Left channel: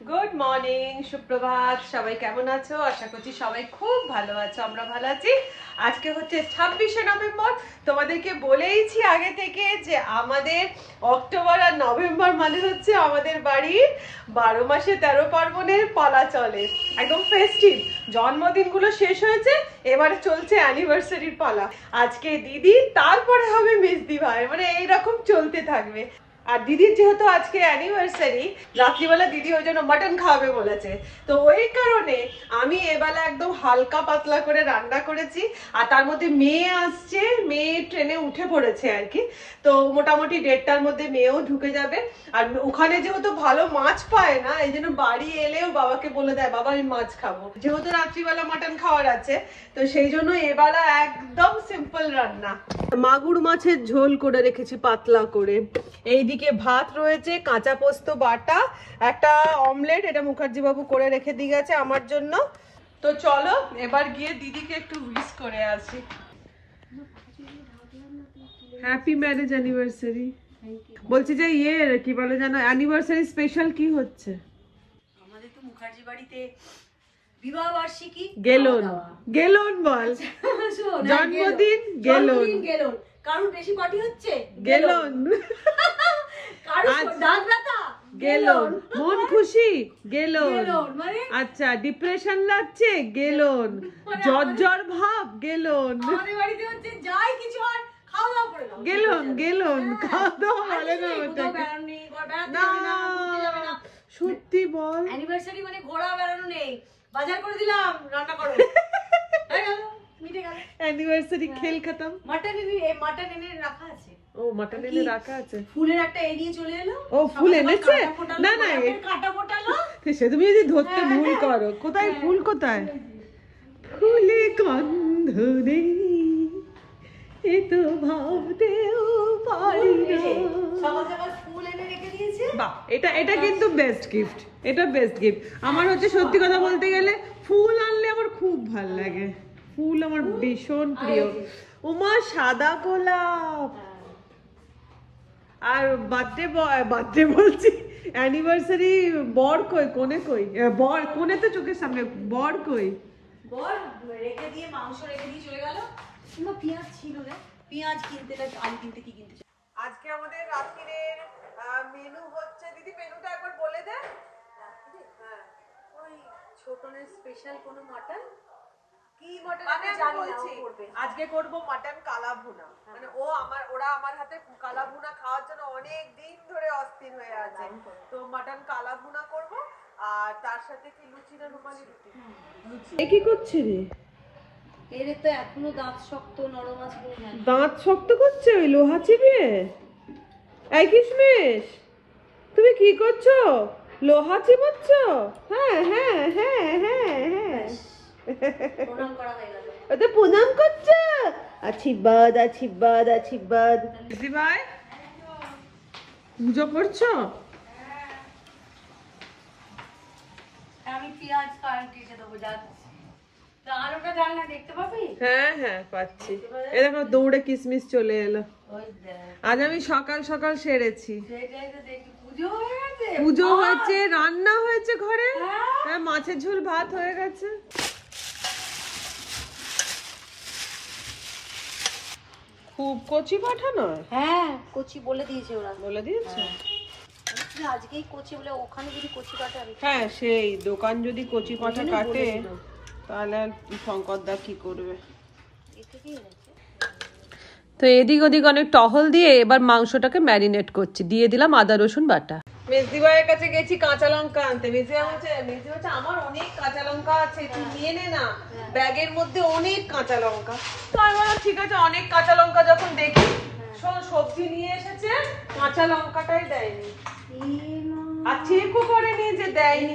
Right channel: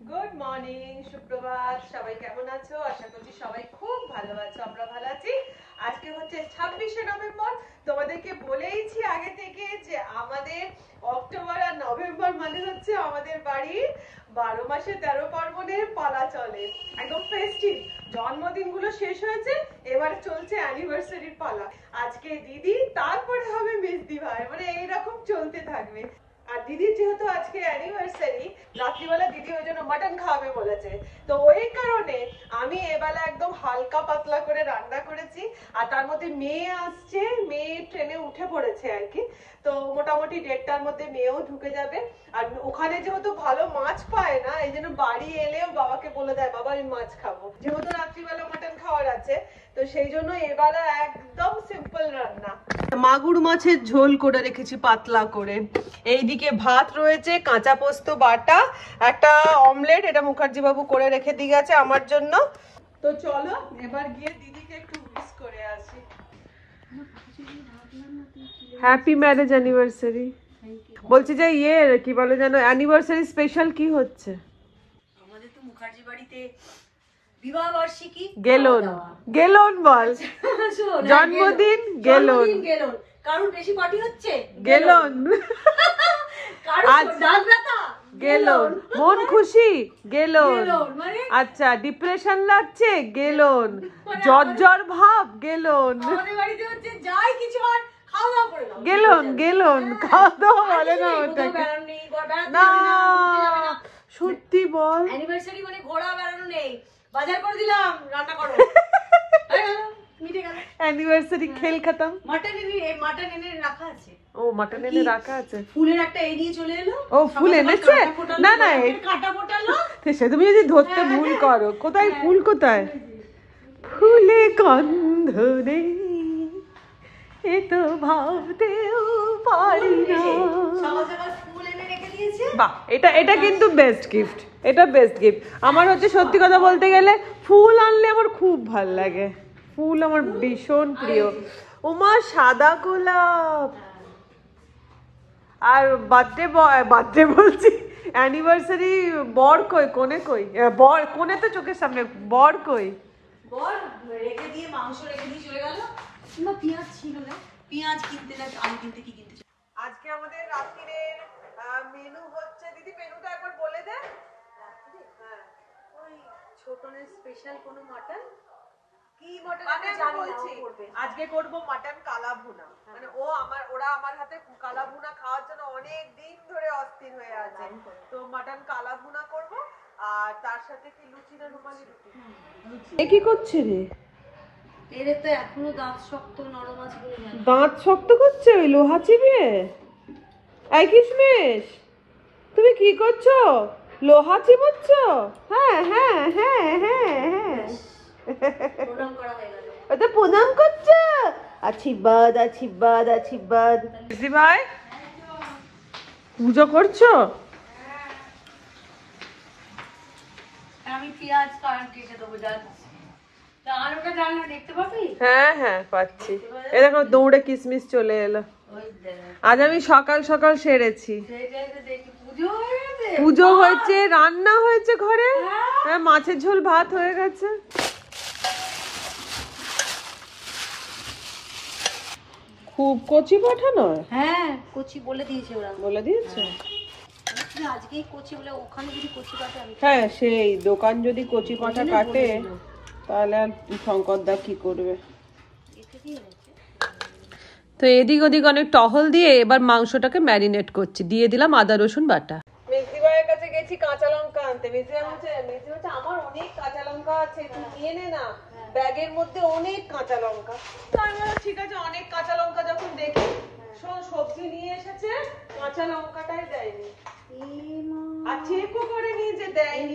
Good morning, সুপ্রভাত। সবাই কেমন আছো? আশা করছি সবাই খুব ভালো আছো। আমরা ভালো আছি। আজকে হচ্ছে 26শে নভেম্বর। তোমাদেরকে বলেইছি আগে থেকে যে আমাদের অক্টোবর আর নভেম্বর মানে হচ্ছে আমাদের বাড়ির 12 মাসে 13 পার্বণের পালা চলে, একদম ফেস্টিভ। জন্মদিনগুলো শেষ হয়েছে, এবারে চলছে অ্যানিভার্সারির পালা। আজকে দিদি, তারপরে হবে মেজদি ভাই, মানে এইরকম চলতে থাকবে। আর দিদির যেহেতু আজকে অ্যানিভার্সারি, রাত্রিবেলা দিদি ওই জন্য মাটন খাওয়াবে বলেছে। তো ওই কারণে আমি এবেলা একদম হালকা পাতলা করে রান্না করেছি। আর তার মধ্যে মেয়ে আসছে, মেয়ে ট্রেনে উঠে পড়েছে আর কি। তো মোটামুটি 1:30টার মধ্যে মেয়েও ঢুকে যাবে। আর ওখানে যেহেতু ভালো মাছ পায় না, এই জন্য বাড়ি এলেও বাবাকে বলে দেয়, বাবা আমি মাছ খাবো, যেহেতু রাত্রিবেলা মাটন খাওয়ার আছে। তো সেই জন্য এবেলা একদম সিম্পল রান্না। মাগুর মাছের ঝোল করে রেখেছি পাতলা করে। এইদিকে ভাত রয়েছে, কাঁচা পোস্ত বাটা, একটা অমলেট, এটা মুখার্জি বাবু করে রেখে দিয়ে গেছে আমার জন্য। তো চলো এবার গিয়ে দিদিকে একটু উইশ করে আসি। Happy marriage anniversary. বলছি যে কি বলে যেন, অ্যানিভার্সারি স্পেশাল কি হচ্ছে? আমাদের তো মুখার্জি বাড়িতে বিবাহ বার্ষিকী গেলন গেলন বল, জন্মদিন গেলন, কারুর বেশি পার্টি হচ্ছে গেলন, গেলন, মন খুশি গেলন, আচ্ছা ডিপ্রেশন লাগছে গেলন, জ্বর ভাব গেলন, আমাদের বাড়িতে হচ্ছে যাই কিছু হয় খাওয়া দাওয়া করে নাও গেলন গেলন, খাওয়া দাওয়া বলে না ওটা। না সত্যি বল, অ্যানিভার্সারি মানে ঘোরা বেড়ানো নেই, বাজার করে দিলাম, রান্না করো, মিটে গেল অ্যানিভার্সারি খেল খতম। মাটন এনে রাখা আছে। ও মাটন এনে রাখা আছে, ফুলের একটা এড়িয়ে চলে এলো। ও ফুল এনেছে? না না কাটা ফোটালো, সে তুমি যদি ধরতে ভুল করো, কোথায় ফুল, কোথায় ফুলে গন্ধ নেই, এ তো ভাবতেও পারি না। ফুল এনে রেখে দিয়েছে। বাহ, এটা কিন্তু বেস্ট গিফট, এটা বেস্ট গিফট। আমার হচ্ছে সত্যি কথা বলতে গেলে ফুল আনলে আমার খুব ভাল লাগে, ফুল আমার ভীষণ প্রিয়। ওমা সাদা গোলাপ। আর বার্থডে বলছি, অ্যানিভার্সারি বর কই, কোনে কই? বর কোনে তো চোখের সামনে, বর কই? বর রেখে দিয়ে মাংস রেখে দিয়ে চলে গেল। কিলো পেঁয়াজ ছিল না, পেঁয়াজ কিনতে না, আলু কিনতে কি কিনতে। আজকে আমাদের রাত্রিরের মেনু হচ্ছে, দিদি মেনুটা একবার বলে দে। হ্যাঁ, ওই ছোটনের স্পেশাল কোনো মাটন। কি মটন আমি বলছি, আজকে করব মটন কালা ভুনা। মানে ওরা আমার হাতে কালা ভুনা খাওয়ার জন্য অনেক দিন ধরে অস্থির হয়ে আছে। তো মটন কালা ভুনা করব, আর তার সাথে কি লুচি না রুমালি রুটি। এ কি করছে রে? এর তো এখনো দাঁত শক্ত, নরম আছে। দাঁত শক্ত করছে ওই লোহা চিবিয়ে? এই কিশমিশ, তুমি কি করছো? লোহা চিবোচ্ছ? হ্যাঁ হ্যাঁ হ্যাঁ হ্যাঁ হ্যাঁ, প্রণাম করা হয়ে গেল। ওটা প্রণাম করছো? আশীর্বাদ আশীর্বাদ আশীর্বাদ। দিদি ভাই পুজো করছো? আমি পেঁয়াজ কেটে দেবো, যাচ্ছি। আলুটা ডালনা দেখতে পাবি? হ্যাঁ হ্যাঁ পাচ্ছি। এ দেখো দৌড়ে কিশমিশ চলে এলো। আজ আমি সকাল সকাল সেরেছি। পুজো হয়েছে, রান্না হয়েছে ঘরে, হ্যাঁ মাছের ঝোল ভাত হয়ে গেছে। খুব কচি পাঠা নয়? হ্যাঁ কচি বলে দিয়েছে ওরা, বলে দিয়েছে আজকেই কচি বলে। ওখানে যদি কচি কাটে আমি, হ্যাঁ সেই দোকান যদি কচি পাঠা কাটে তাহলে আর শঙ্করদা কি করবে। তো এদিক ওদিক অনেক টহল দিয়ে এবার মাংসটাকে ম্যারিনেট করছি, দিয়ে দিলাম আদা রসুন বাটা। মেজদি ভাইয়ের কাছে গেছি কাঁচা লঙ্কা আনতে। মেজদি বলছে আমার অনেক কাঁচা লঙ্কা আছে, তুই নিয়ে নে না, ব্যাগের মধ্যে অনেক কাঁচা লঙ্কা। তো আমি বললাম ঠিক আছে, অনেক কাঁচা লঙ্কা যখন দেখি, শোন সবজি নিয়ে এসেছে, কাঁচা লঙ্কাটাই দেয়নি, আর চেকও করেনি যে দেয়নি।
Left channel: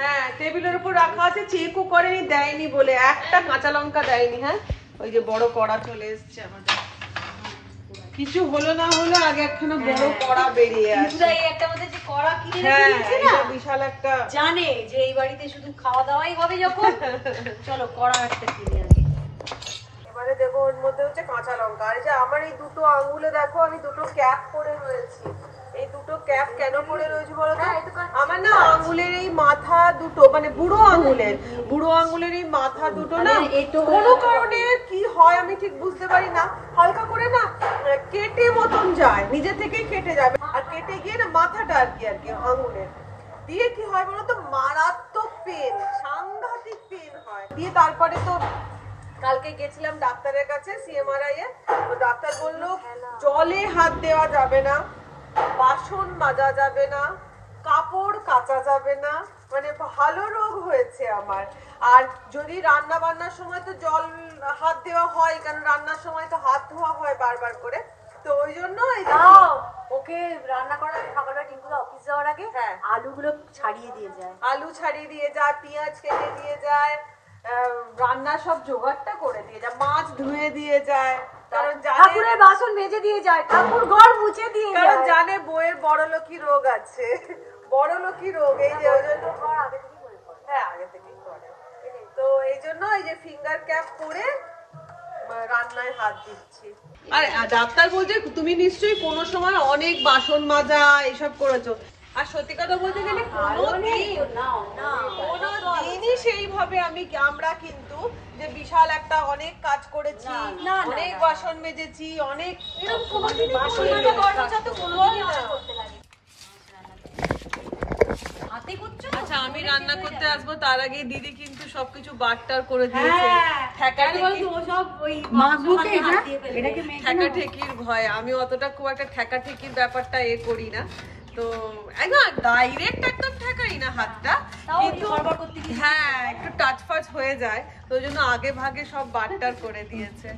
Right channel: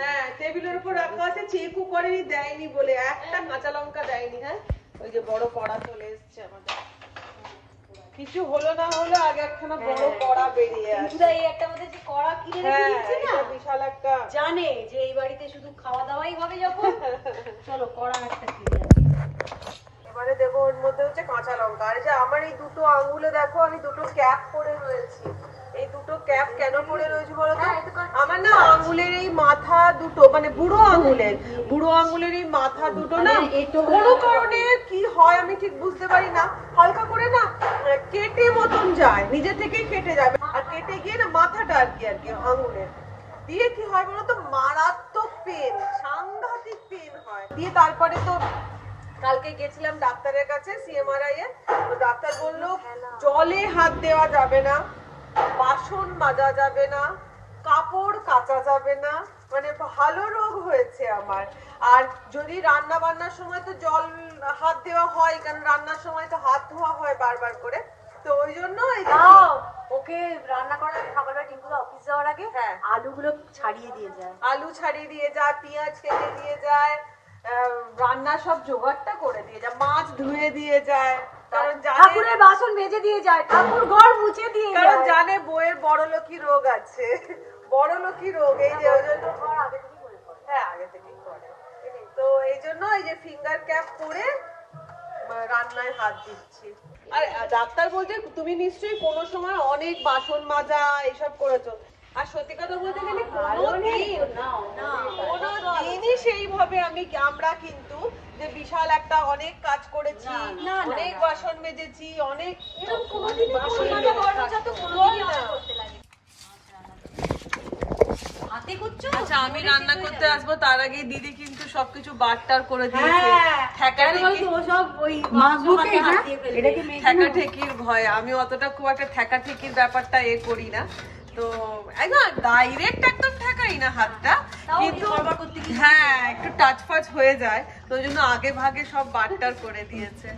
হ্যাঁ টেবিলের উপর রাখা আছে, চেকও করেনি দেয়নি বলে, একটা কাঁচা লঙ্কা দেয়নি। হ্যাঁ ওই যে বড় কড়া চলে এসছে আমাদের, কিছু হলো না হলো আগে একখানা বড় কড়া বেরিয়ে আসে। হ্যাঁ এটা বিশাল একটা, জানে যে এই বাড়িতে শুধু খাওয়া দাওয়াই হবে যখন, চলো কড়া একটা কিনে আসি। এবারে দেখো ওর মধ্যে হচ্ছে কাঁচা লঙ্কা। আর যে আমার এই দুটো আঙ্গুলে দেখো আমি দুটো ক্যাপ পরে রয়েছি। এই দুটো ক্যাপ কেন পরে রয়েছে বলো তো? আমার না মাথা দুটো মানে বুড়ো আঙুলের এই মাথা দুটো না কোনো কারণে কি হয় আমি ঠিক বুঝতে পারি না, হালকা করে না কেটে মতন যায়, নিজে থেকেই কেটে যাবে, আর কেটে গিয়ে না মাথাটা আর কি আঙুলের দিয়ে কি হয় বলতো, মারাত্মক পেন, সাংঘাতিক পেন হয়। দিয়ে তারপরে তো কালকে গেছিলাম ডাক্তারের কাছে সিএমআরআই এ, তো ডাক্তার বললো জলে হাত দেওয়া যাবে না, বাসন মাজা যাবে না, কাপড় কাচা যাবে না, মানে ভালো রোগ হয়েছে আমার। আর যদি রান্না বান্নার সময় তো জল হাত দেওয়া হয়, কারণ রান্নার সময় তো হাত ধোয়া হয় বারবার করে, তো ওই জন্য ওকে রান্না করার খাবারটা টিঙ্কুরা অফিস যাওয়ার আগে আলুগুলো ছাড়িয়ে দিয়ে যায়, আলু ছাড়িয়ে দিয়ে যায়, পেঁয়াজ কেটে দিয়ে যায়, রান্না সব জোগাড়টা করে দিয়ে যায়, মাছ ধুয়ে দিয়ে যায়, কারণ জানে বাসন মেজে দিয়ে যায়, ঠাকুর ঘর মুছে দিয়ে যায়, কারণ জানে বউয়ের বড়লোকি রোগ আছে, বড়লোকি রোগ, এই যে ওই জন্য হ্যাঁ আগে থেকেই করে, তো এই জন্য এই যে ফিঙ্গার ক্যাপ পরে রান্নায় হাত দিচ্ছি। আর ডাক্তার বলছে তুমি নিশ্চয়ই কোনো সময় অনেক বাসন মাজা এইসব করেছো, আর সত্যি কথা বলতে গেলে কোনো দিনই সেইভাবে আমরা কিন্তু যে বিশাল একটা অনেক কাজ করেছি, অনেক বাসন মেজেছি, অনেক এরকম কোনোদিনই আচ্ছা আমি রান্না করতে আসবো তার আগে দিদি কিন্তু সবকিছু বাটটার করে দিয়েছে, ঠেকাঠেকির ভয়, আমি অতটা খুব একটা ঠেকাঠেকির ব্যাপারটা করি না, তো একদম ডাইরেক্ট একদম ঠেকাই না হাতটা, কিন্তু হ্যাঁ একটু টাচ ফাচ হয়ে যায়, তো ওই জন্য আগে ভাগে সব বাটটার করে দিয়েছে।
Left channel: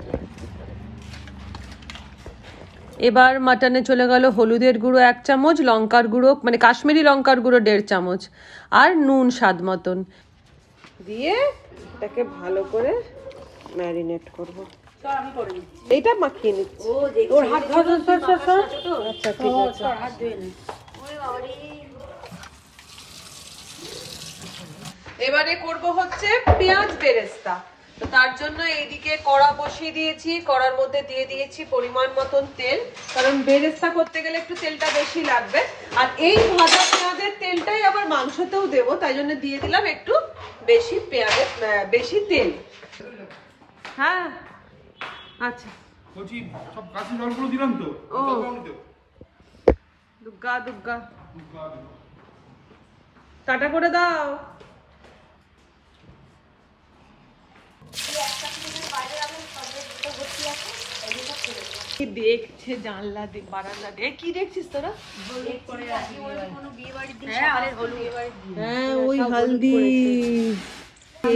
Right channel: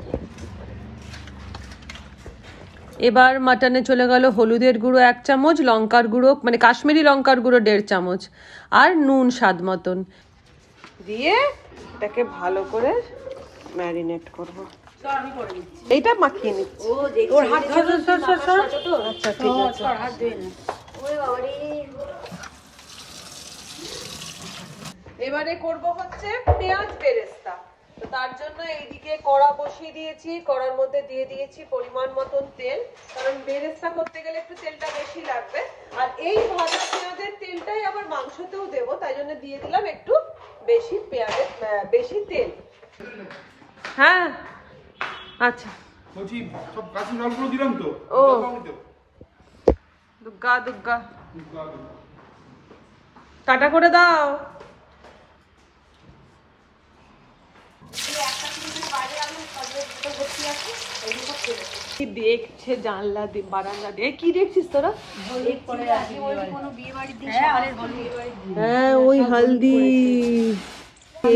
এবার মাটনে চলে গেল হলুদের গুঁড়ো 1 চামচ, লঙ্কার গুঁড়ো মানে কাশ্মীরি লঙ্কার গুঁড়ো 1.5 চামচ, আর নুন স্বাদ মতন দিয়ে এটাকে ভালো করে ম্যারিনেট করব। এইটা মাখিয়ে নিচ্ছি। এবারে করব হচ্ছে পেঁয়াজ বেরেস্তা, তো তার জন্য এইদিকে কড়া বসিয়ে দিয়েছি, কড়ার মধ্যে দিয়ে দিয়েছি পরিমাণ মতন তেল, কারণ বেরেস্তা করতে গেলে একটু তেলটা বেশি লাগবে, আর এই ভাজা পেঁয়াজের তেলটাই আবার মাংসতেও দেবো, তাই জন্য দিয়ে দিলাম একটু বেশি তেল। হ্যাঁ আচ্ছা বলছি সব কাঁচা জলগুলো দিলাম তো, ও দুগ্গা দুগ্গা কাটা করে দাও। দেখছে জানলা দিয়ে বারান্দা দিয়ে, কি দেখছিস তোরা? হ্যাঁ ওই হলদি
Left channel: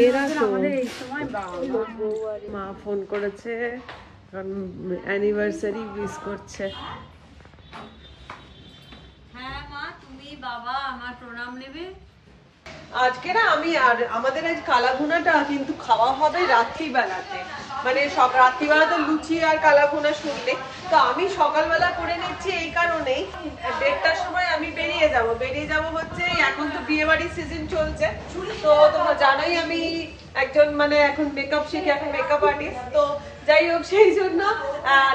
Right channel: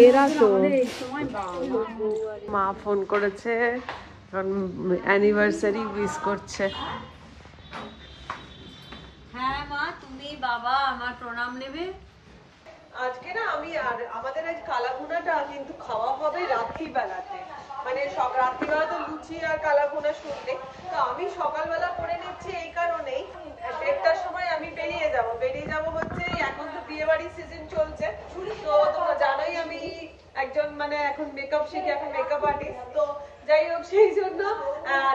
এরা তো মা ফোন করেছে, অ্যানিভার্সারি উইশ করছে। হ্যাঁ মা তুমি বাবা আমার প্রণাম নেবে। আজকে না আমি আর আমাদের আজ কালাভুনাটা কিন্তু খাওয়া হবে রাত্রিবেলাতে, মানে সব রাত্রিবেলা তো লুচি আর কালাভুনা শুনলে, তো আমি সকালবেলা করে নিচ্ছি এই কারণেই 1:30টার সময় আমি বেরিয়ে যাব হচ্ছে, এখন তো বিয়ে বাড়ির সিজন চলছে, তো তোমরা জানোই আমি একজন মানে এখন মেকআপ শিখি, এখন মেকআপ আর্টিস্ট, তো যাই হোক সেই জন্য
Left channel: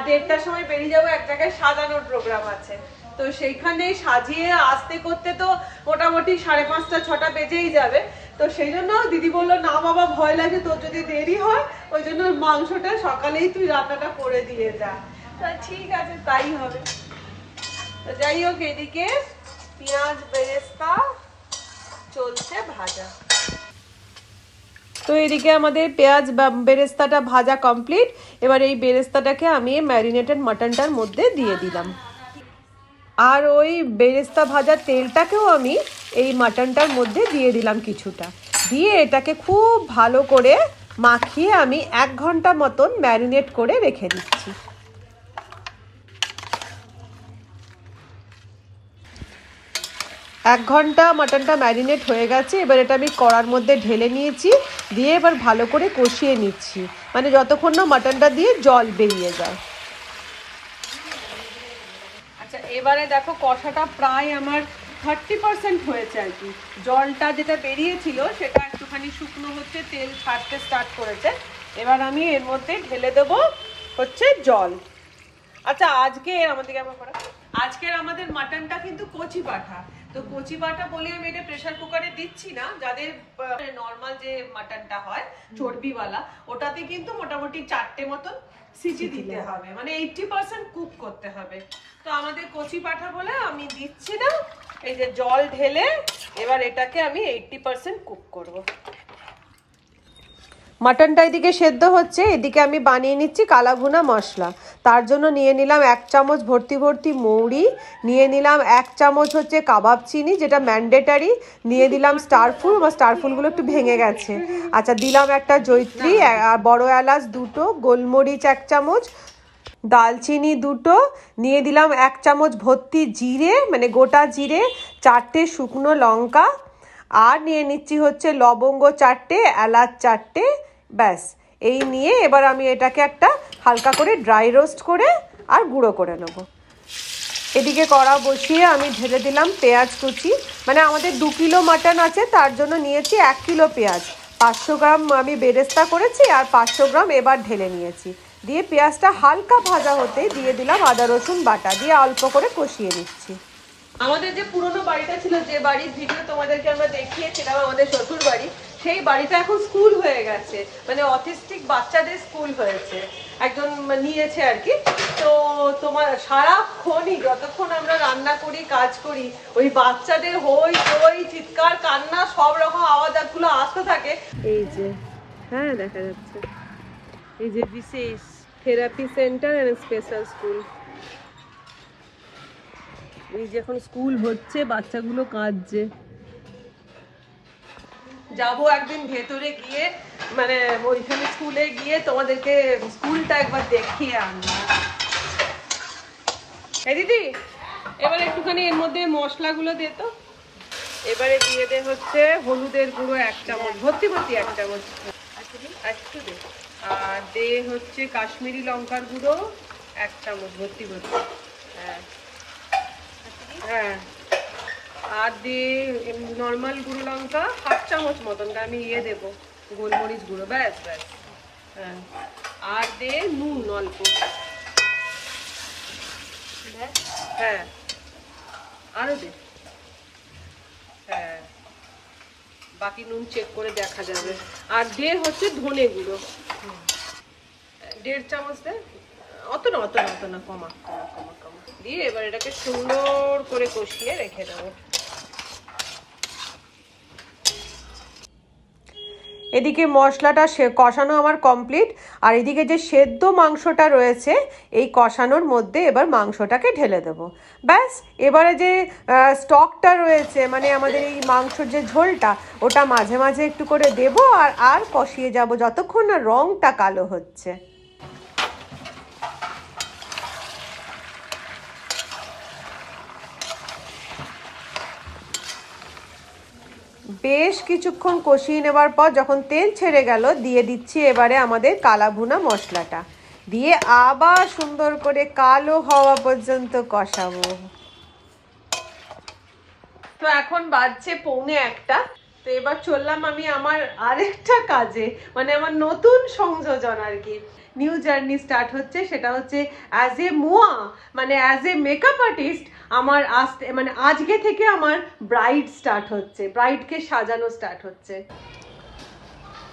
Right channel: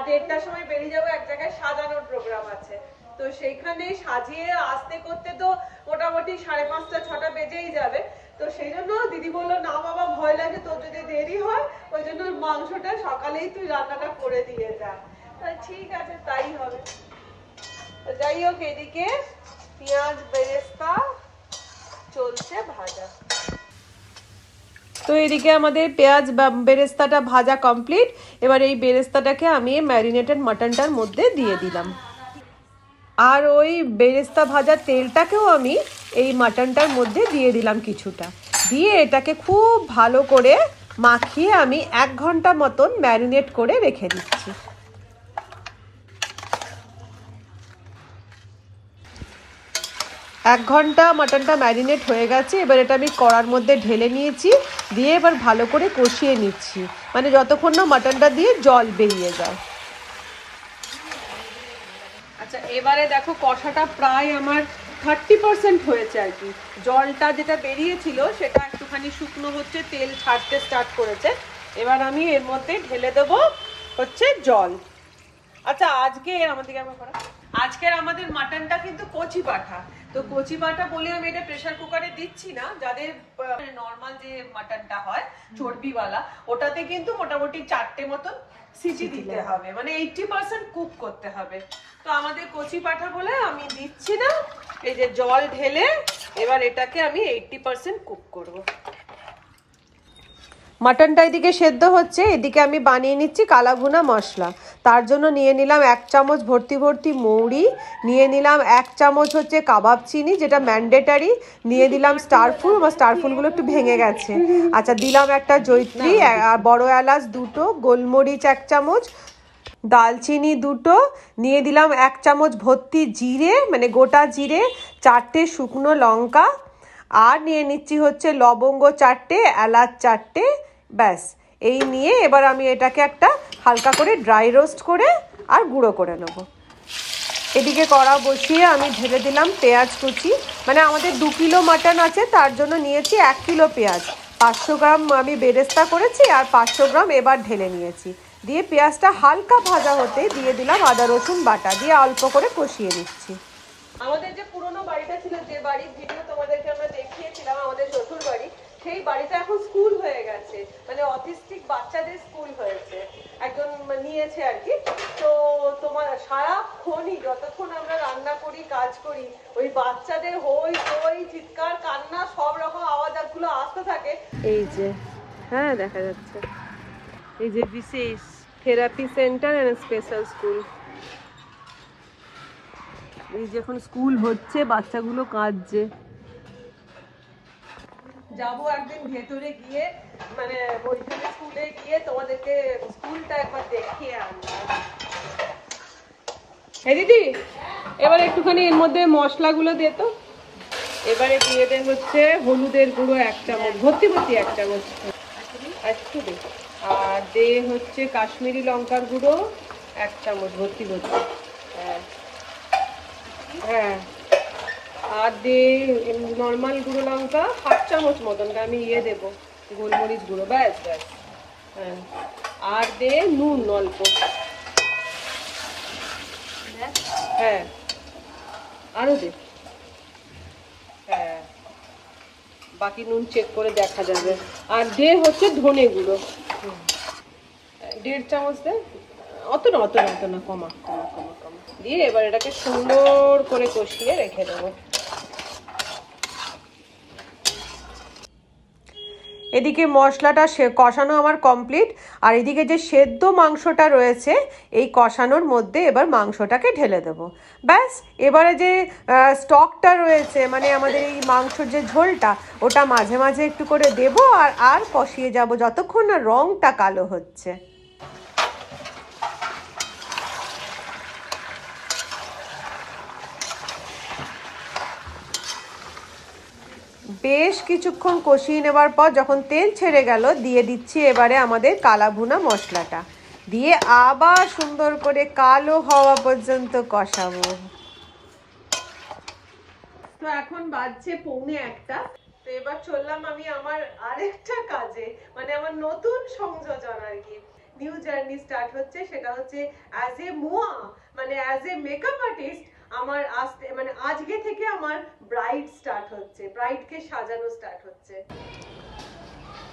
1:30টার সময় বেরিয়ে যাবো, এক জায়গায় সাজানোর প্রোগ্রাম আছে, তো সেইখানে সাজিয়ে আসতে করতে তো মোটামুটি 5:30 6টা বেজেই যাবে, তো সেই জন্য দিদি বললো না বাবা ভয় লাগে তোর যদি দেরি হয়, ওই জন্য মাংসটা সকালেই তুই রান্নাটা করে দিয়ে যা, তা ঠিক আছে তাই হবে। তো যাই হোক এদিকে পেঁয়াজ বেরেস্তা চলছে ভাজা, তো এদিকে আমাদের পেঁয়াজ বেরেস্তাটা ভাজা কমপ্লিট। এবার এই বেরেস্তাটাকে আমি ম্যারিনেটেড মাটনটার মধ্যে দিয়ে দিলাম, আর ওই বেরেস্তা ভাজা তেলটাকেও আমি এই মাটনটার মধ্যে দিয়ে দিলাম কিছুটা, দিয়ে এটাকে খুব ভালো করে মাখিয়ে আমি 1 ঘন্টা মতন ম্যারিনেট করে রেখে দিচ্ছি। 1 ঘন্টা মাটনটা ম্যারিনেট হয়ে গেছে, এবার এটা আমি কড়ার মধ্যে ঢেলে নিয়েছি, দিয়ে এবার ভালো করে কষিয়ে নিচ্ছি, মানে যতক্ষণ না মাটনটা দিয়ে জল বেরিয়ে যায়। আচ্ছা এবারে দেখো কষাটা প্রায় আমার 30% হয়েছে আর কি, জলটা যেটা বেরিয়েছিল সেটা একটুখানি শুকনো হচ্ছে, তেল ছাড়তে স্টার্ট করেছে, এবার আমি এর মধ্যে ঢেলে দেব হচ্ছে জল। আচ্ছা আজকের আমাদের মাটনটা কিন্তু কচি পাঠা, তো তো কচি বাটা বলে আমি এটা প্রেসার কুকারে দিচ্ছি না, যাদের নর্মাল যে মাটনটা হয় চর্বিওয়ালা ওটাতে কিন্তু মোটামুটি 4টে মতন সিটি দিতে হবে, মানে 80% কুক করতে হবে। তো আমাদের কচি পাঠা বলে আমি দিচ্ছি না, এই যে জল ঢেলে এবার এটাকে আমি 80% কুক করব। মাটনটা এদিকে সেদ্ধ হচ্ছে, এদিকে আমি বানিয়ে নিচ্ছি কালা ভুনা মশলা। তার জন্য নিয়ে নিলাম 1 চামচ ভর্তি ভর্তি মৌরি, নিয়ে নিলাম 1 চামচ হচ্ছে কাবাব চিনি যেটা ম্যান্ডেটারি, নিয়ে দিলাম স্টারফুল, আমার স্টারফুলগুলো একটু ভেঙে গেছে। আচ্ছা দিলাম একটা জয়িত্রী আর বড় এলাচ 2টো, গোলমরিচ 1 চামচ, দালচিনি 2টো, নিয়ে দিলাম 1 চামচ ভর্তি জিরে মানে গোটা জিরে, 4টে শুকনো লঙ্কা, আর নিয়ে নিচ্ছি হচ্ছে লবঙ্গ 4টে, এলাচ 4টে। ব্যাস এই নিয়ে এবার আমি এটাকে একটা হালকা করে ড্রাই রোস্ট করে আর গুঁড়ো করে নেব। এদিকে কড়া বসিয়ে আমি ঢেলে দিলাম পেঁয়াজ কুচি, মানে আমাদের 2 কিলো মাটন আছে তার জন্য নিয়েছি 1 কিলো পেঁয়াজ, 500 গ্রাম আমি বেরেস্তা করেছি আর 500 গ্রাম এবার ঢেলে নিয়েছি। দিয়ে পেঁয়াজটা হালকা ভাজা হতে দিয়ে দিলাম আদা রসুন বাটা, দিয়ে অল্প করে কষিয়ে নিচ্ছি। আমাদের যে পুরনো বাড়িটা ছিল, যে বাড়ির ভিডিও তোমাদেরকে আমরা দেখিয়েছিলাম আমাদের শ্বশুর বাড়ি, সেই বাড়িটা এখন স্কুল হয়ে গেছে, মানে অটিস্টিক বাচ্চাদের স্কুল হয়েছে, একজন নিয়েছে আর কি। তো তোমার সারাক্ষণই যতক্ষণ আমরা রান্না করি কাজ করি ওই বাচ্চাদের হই হই চিৎকার কান্না সব রকম আওয়াজগুলো আসতে থাকে। এই যে হ্যাঁ দেখা যাচ্ছে, এই যে বিশেষ therapy center and special school, এই যে এখন স্কুল হচ্ছে বাচ্চাগুলো কাঁদছে। যাবো একদিন ভেতরে গিয়ে, মানে ওইখানে স্কুলে গিয়ে তোমাদেরকে স্কুলটা একবার দেখিয়ে আনবো। দিদি এবার একটুখানি এর মধ্যে মশলাগুলো দে তো। এবারে দিয়ে দে হচ্ছে হলুদের গুঁড়ো 1 চামচ ভর্তি ভর্তি 1 চামচ একটু দে, আর দে হচ্ছে কাশ্মীরি লঙ্কার গুঁড়ো 1 চামচ ভর্তি ভর্তি, হ্যাঁ, আর দে নর্মাল গুঁড়ো লঙ্কা 1/2 চামচ মতনটা আমি দেবো, গোলমরিচ গুঁড়ো, ব্যাস ব্যাস, হ্যাঁ, আর দে নুন অল্প, হ্যাঁ আরো দে, হ্যাঁ বাকি নুন চেক করে দেখা যাবে। আর দে হচ্ছে ধনে গুঁড়ো 1.5 চামচ দে, অত না কমা, দিয়ে এবার এটাকে সুন্দর করে কষিয়ে রেখে দেবো। এদিকে মশলাটা কষানো আমার কমপ্লিট, আর এদিকে যে সেদ্ধ মাংসটা রয়েছে এই কষানোর মধ্যে এবার মাংসটাকে ঢেলে দেবো। ব্যাস এবারে যে স্টকটা রয়েছে মানে আমাদের এই মাংসর যে ঝোলটা ওটা মাঝে মাঝে একটু করে দেবো আর কষিয়ে যাব যতক্ষণ না রঙটা কালো হচ্ছে। বেশ কিছুক্ষণ কষিয়ে নেবার পর যখন তেল ছেড়ে গেল দিয়ে দিচ্ছি এবারে আমাদের কালা ভুনা মশলাটা, দিয়ে আবার সুন্দর করে কালো হওয়া পর্যন্ত কষাবো। তো এখন বাজছে 1:45, তো এবার চললাম আমি আমার আরেকটা কাজে, মানে আমার নতুন সংযোজন আর কি, নিউ জার্নি স্টার্ট হচ্ছে, সেটা হচ্ছে অ্যাজ এ মুয়া মানে অ্যাজ এ মেকআপ আর্টিস্ট আমার মানে আজকে থেকে আমার ব্রাইড স্টার্ট হচ্ছে, ব্রাইডকে সাজানো স্টার্ট হচ্ছে।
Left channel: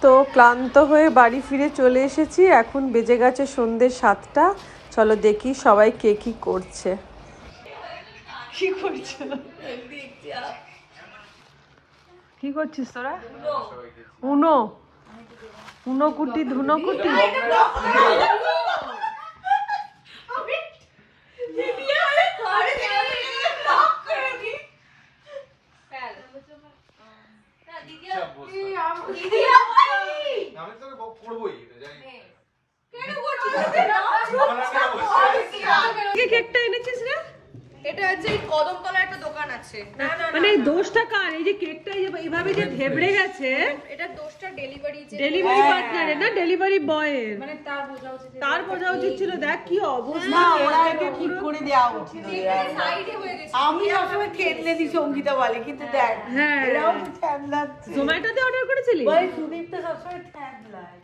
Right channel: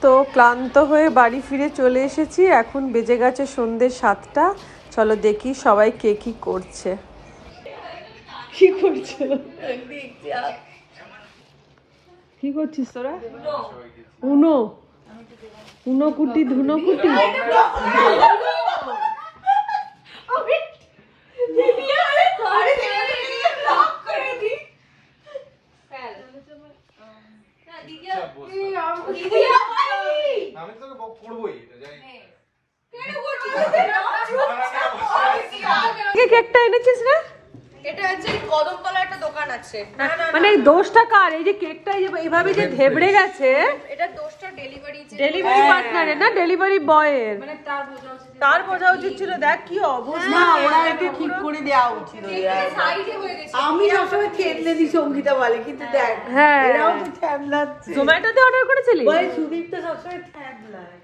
তো ক্লান্ত হয়ে বাড়ি ফিরে চলে এসেছি, এখন বেজে গেছে সন্ধ্যে 7টা। চলো দেখি সবাই কে কি করছে। কি করছো? কি করছিস তোরা? উনো উনো কুটি ধুনো কুটি, কেকটা এনেছিস না? এটা হচ্ছে কদমতলা একটা দোকান আছে, মানে দোষটা কার? এই যে কেকটা এইভাবে যে ধেবড়ে গেছে, এটা দোষটা ডেলিভারি পার্টনারের না ডেলিভারি বয়ের, মানে তার বোঝা উচিত ছিল। দেখ কি অবস্থা, ওরা একটু ঠিক করে দেওয়া উচিত। সাইডে হয়ে গেছে। আমি সবসময় থেতলে দিই সঙ্গীতা বলে, কিন্তু দেখ হ্যাঁ এরাও তো থ্যাবলাচ্ছে। জোম্যাটোতে অর্ডার করেছিলি? ওই সুদীপ তো সবসময় থ্যাবলায়।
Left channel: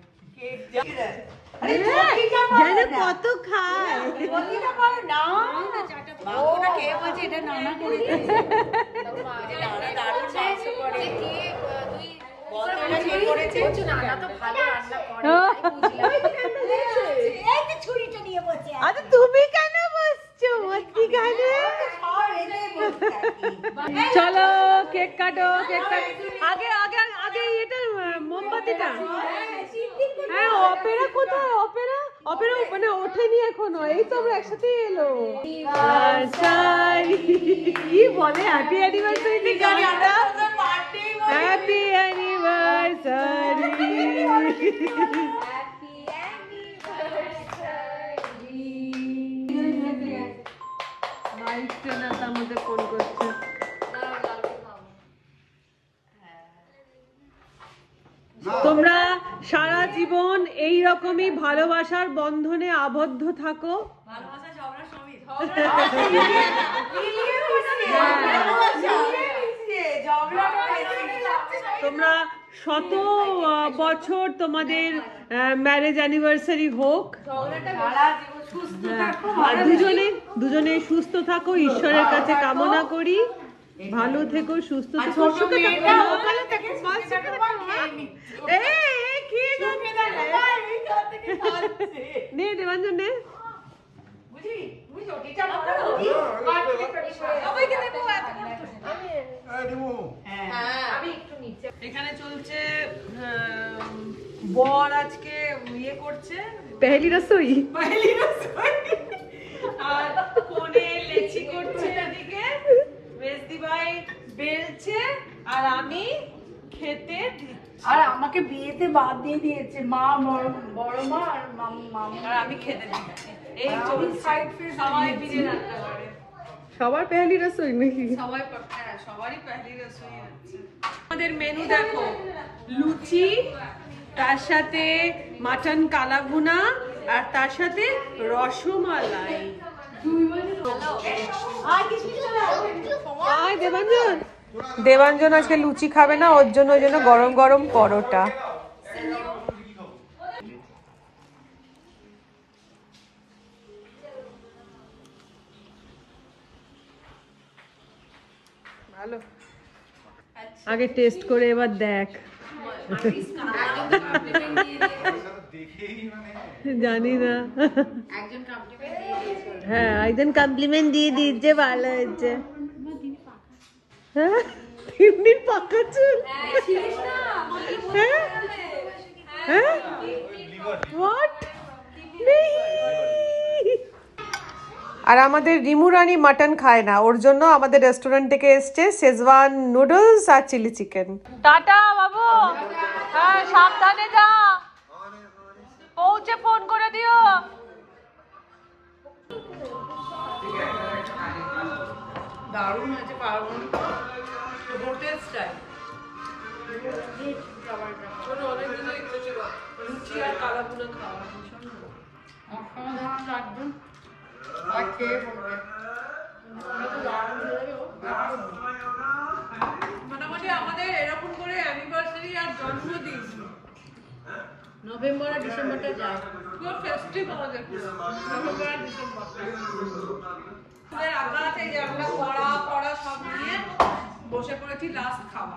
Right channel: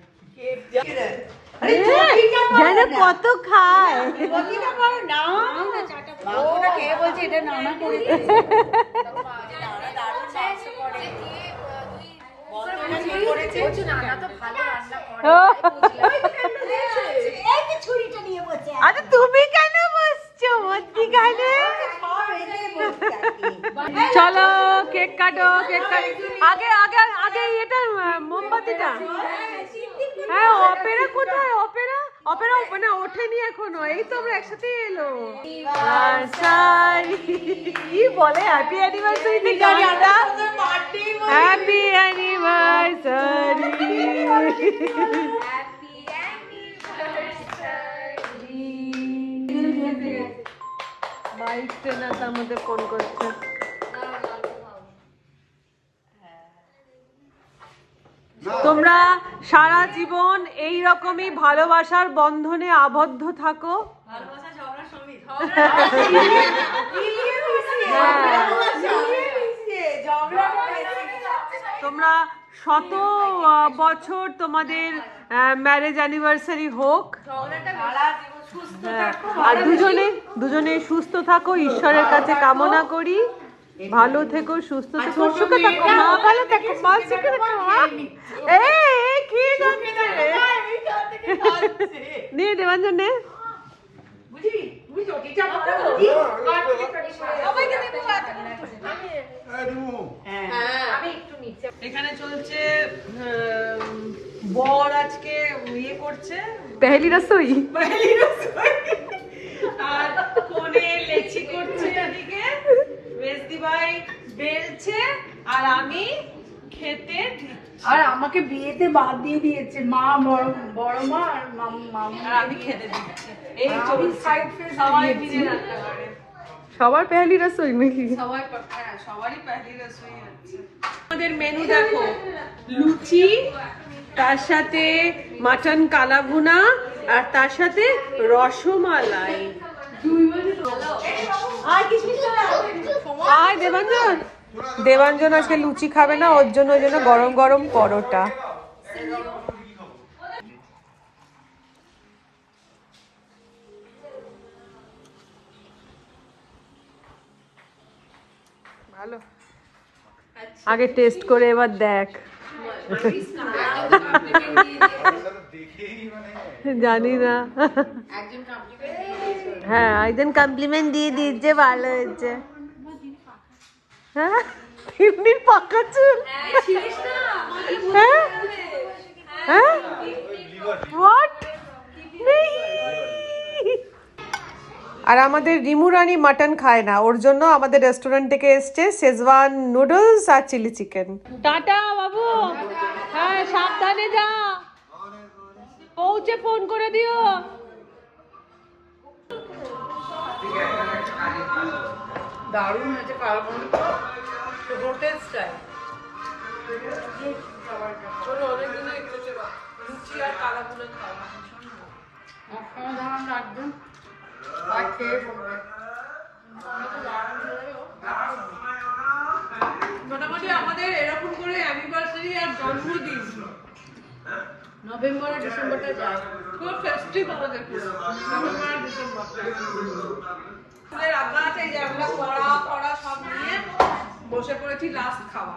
জানো কত খায়। মাংসটা কে বলছে এটা নানা করে দিয়েছে। নানা দারুণ মাংস করে। বন্ধটা কে করেছে? আরে তুমি কেন বসছো? মধ্যিখানে চলো কেক কাটো, কেক কাটো। আগে আগে আগে এটা মোমবাতিটা। হ্যাঁ, অপেরা কোথায়? অপেরা অপেরা মানে ওঠেনি এখনো। এই তো আমরা একসাথে এলো। কি বলে হ্যাপি অ্যানিভার্সারি ঠিক আছে আমরা হ্যাপি অ্যানিভার্সারি। মাইক ট্রেনার তার মধ্যে ফোন করছে। তোমরা সারা জীবন এই রকমই ভালোবাসার বন্ধনে আবদ্ধ থাকো। তোমরা শত বছর তোমাদের ম্যারেজ অ্যানিভার্সারি হোক। আর দুজনে সুস্থ থাকো, ঈশ্বরের কাছে কামনা করি। ভালো থেকো, সুস্থ থেকো, সুখে থাকো, ভালো থেকো, সুখে থাকো। এই কি নে দেবাঞ্জন নে। এখানে চলছে বর আজকে ইয়ে করছে, পেহেলি রসোই। আর কোনে লেচি করছে, এদিকে মেজদি ভাই বেলছে, আর আমি খেতে দিচ্ছি। আর আমাকে বিয়েতে বাদ দিয়ে দিয়েছে মা, বড় মা আর মামা। আর আমি খেতে দিচ্ছি। এই চলছে সবাই মিলে রান্না করে। সবার পেহেলি রসোই নাকি? সবারই পেহেলি রসোই হচ্ছে। আমাদের মেনু দেখো, লুচি, তার সাথে মাটন কালা ভুনা, আর তার সাথে রসমালাই। দেবাঞ্জন আজকে লুচি খাবে না, ওর জন্য গরম গরম পরোটা। আগে টেস্ট করে এবার দেখ। জানি না, হ্যাঁ একজন কমপ্লিমেন্ট দিয়ে দিচ্ছে, ভালো হয়েছে। হ্যাঁ এমনি পাকা চুল। হ্যাঁ হ্যাঁ হোয়াট। আর আমাদের রিমু রানী মাটন খায় না, ওর জন্য আমাদের রেস্টুরেন্ট থেকে এসছে শেজওয়ান নুডলস আর চিলি চিকেন। টাটা বাবু, হ্যাঁ সাবধানে যা, পৌঁছে ফোন করে দিও। দারুণ হয়েছে কালা ভুনা, হোটেল স্টাইল। অনেকদিনই ইচ্ছে ছিল লুচি আর কালা ভুনা খাওয়া। অসাধারণ লাগবে। আর খেয়ে বলবে। মোটামুটি আমাদের এরকম করে অ্যানিভার্সারি আর জন্মদিন নভেম্বর আর ডিসেম্বরটা যায়, খুব ফেস্টিভ আমাদের পুরো নভেম্বর আর ডিসেম্বরটা। রান্না যে আমরা কড়া সব নিয়ে বসে পড়েছি লাস্ট খাওয়া।